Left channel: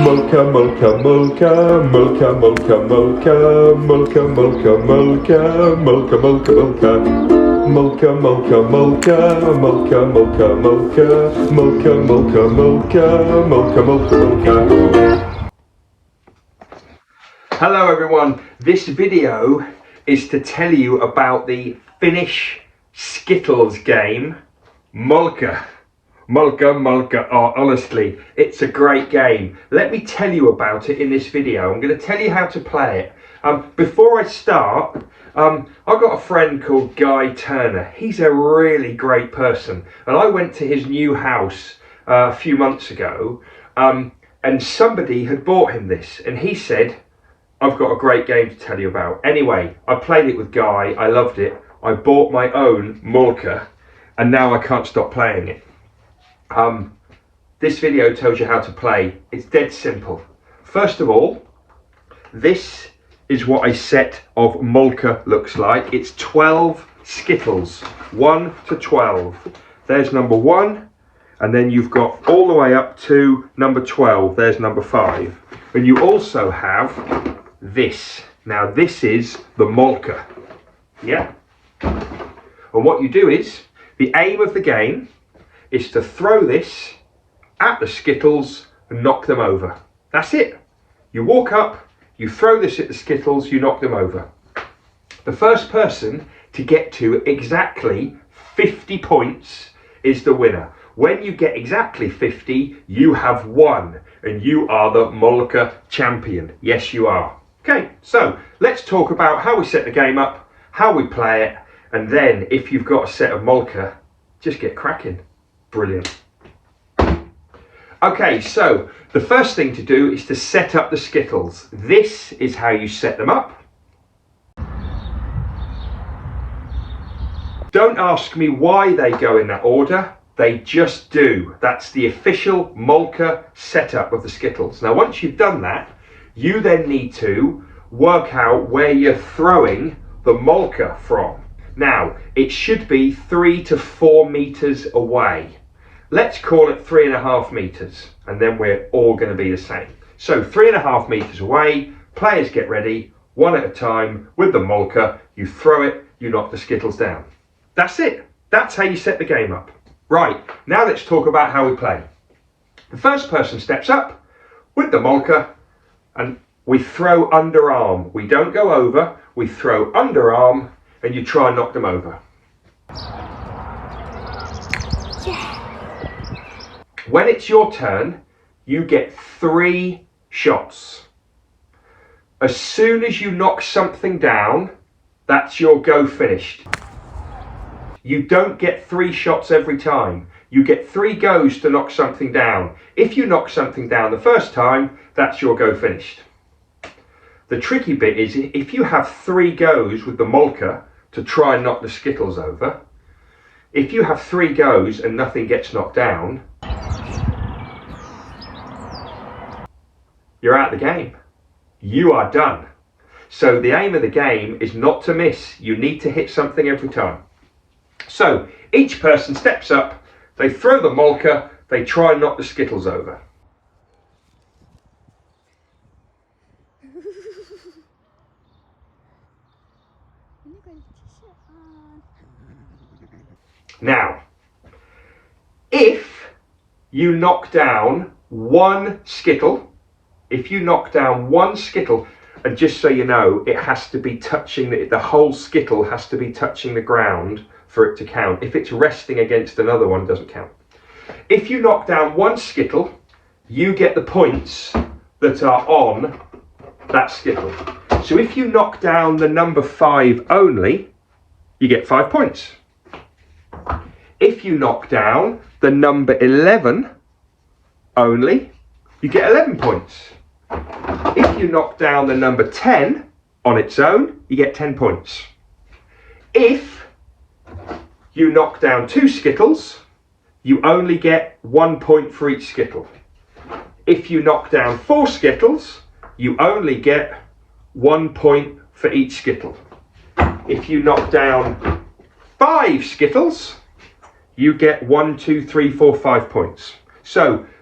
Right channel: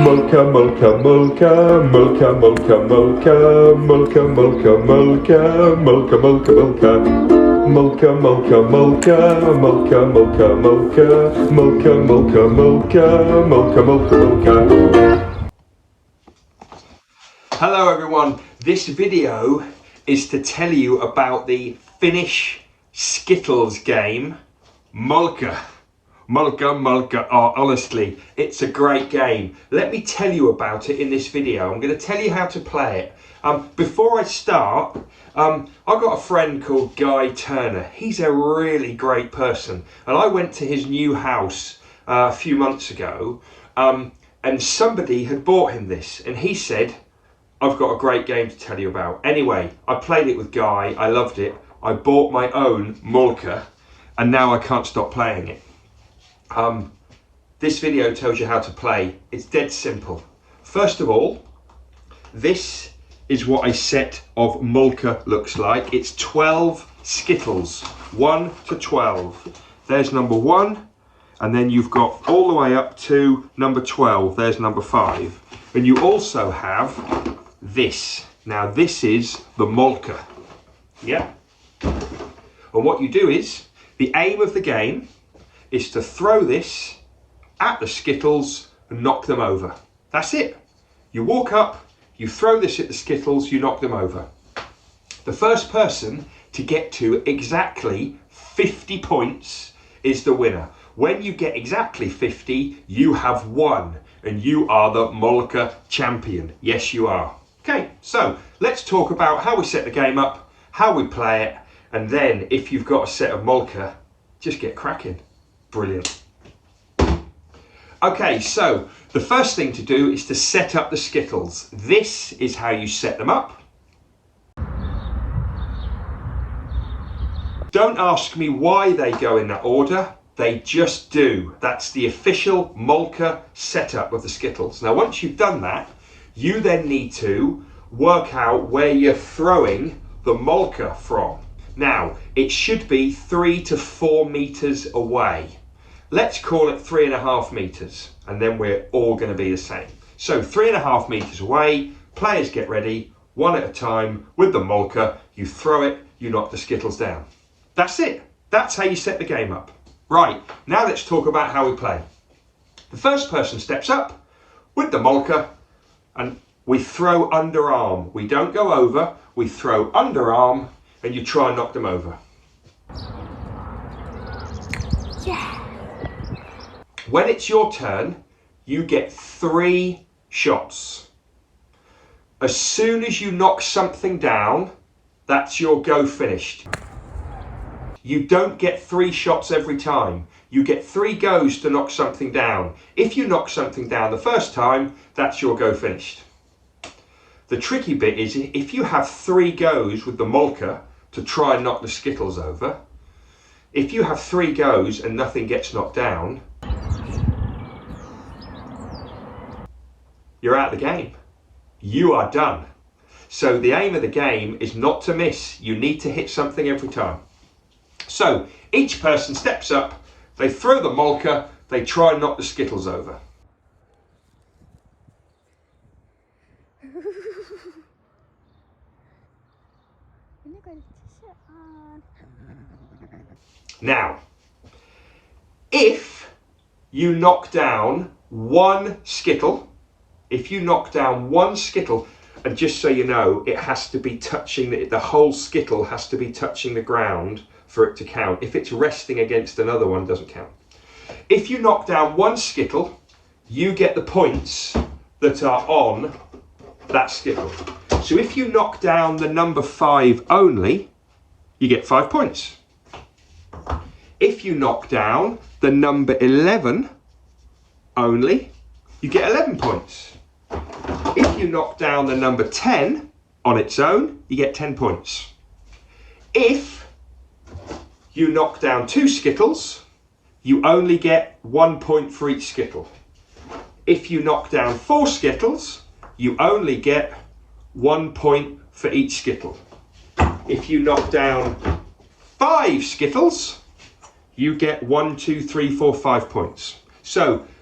Molkka, molkka, molkka, molkka, molkka, molkka, molkka, molkka, molkka, molkka, molkka, molkka. Molkka, molkka, molkka, molkka, molkka, molkka, molkka, molkka, molkka, molkka, molkka, molkka. Hello everyone, this video is to tell you about the Finnish Skittles game, Molkky. Molkka, Molkka, oh, honestly, it's a great game. Let me tell you about it in this video. I'm going to tell you how to play it. Before I start, I've got a friend called Guy Turner. He's a really great person. And I went to his new house a few months ago, and somebody had bought him this. And he said, I've got a great game to tell you about. Anyway, I played it with Guy. I loved it. I bought my own Molkky, and now I can't stop playing it. This video tells you how to play. It's dead simple. First of all, this is what a set of Molkky looks like. It's 12 Skittles, 1 to 12. There's number 1, and then you've got all the way up to number 12. There's number 5. And you also have this. Now this is the Molkky. Yeah? And what you do is, the aim of the game is to throw this at the Skittles and knock them over. That's it. You walk up, you throw this at the Skittles, you knock them over. The first person to get to exactly 50 points is the winner. When you get exactly 50, you have won, and you are the Molkky champion. Yes, you are. Okay, so let's talk about how we set the game up, how we play it, and then if you've got a set of Molkky, just get cracking. Brilliant. Okay, so the first thing to do is to set up the Skittles. This is how you set them up. Don't ask me why they go in that order. They just do. That's the official Molkky setup of the Skittles. Now, once you've done that, you then need to work out where you're throwing the Molkky from. Now, it should be 3 to 4 meters away. Let's call it 3.5 meters, and then we're all going to be the same. So 3.5 meters away, players get ready, one at a time with the Molkky. You throw it, you knock the Skittles down. That's it. That's how you set the game up. Right, now let's talk about how we play. The first person steps up with the Molkky, and we throw underarm. We don't go over, we throw underarm, and you try and knock them over. Yeah. When it's your turn, you get 3 shots. As soon as you knock something down, that's your go finished. You don't get 3 shots every time. You get 3 goes to knock something down. If you knock something down the first time, that's your go finished. The tricky bit is if you have 3 goes with the Molkky to try and knock the Skittles over, if you have 3 goes and nothing gets knocked down, you're out of the game. You are done. So the aim of the game is not to miss. You need to hit something every time. So each person steps up, they throw the Molkky, they try and knock the Skittles over. Now, if you knock down one Skittle, and just so you know, it has to be touching, the whole Skittle has to be touching the ground for it to count. If it's resting against another one, it doesn't count. If you knock down one Skittle, you get the points that are on that Skittle. So if you knock down the number 5 only, you get 5 points. If you knock down the number 11 only, you get 11 points. If you knock down the number 10 on its own, you get 10 points. If you knock down 2 Skittles, you only get 1 point for each Skittle. If you knock down 4 Skittles, you only get 1 point for each Skittle. If you knock down 5 Skittles, you get 1, 2, 3, 4, 5 points. So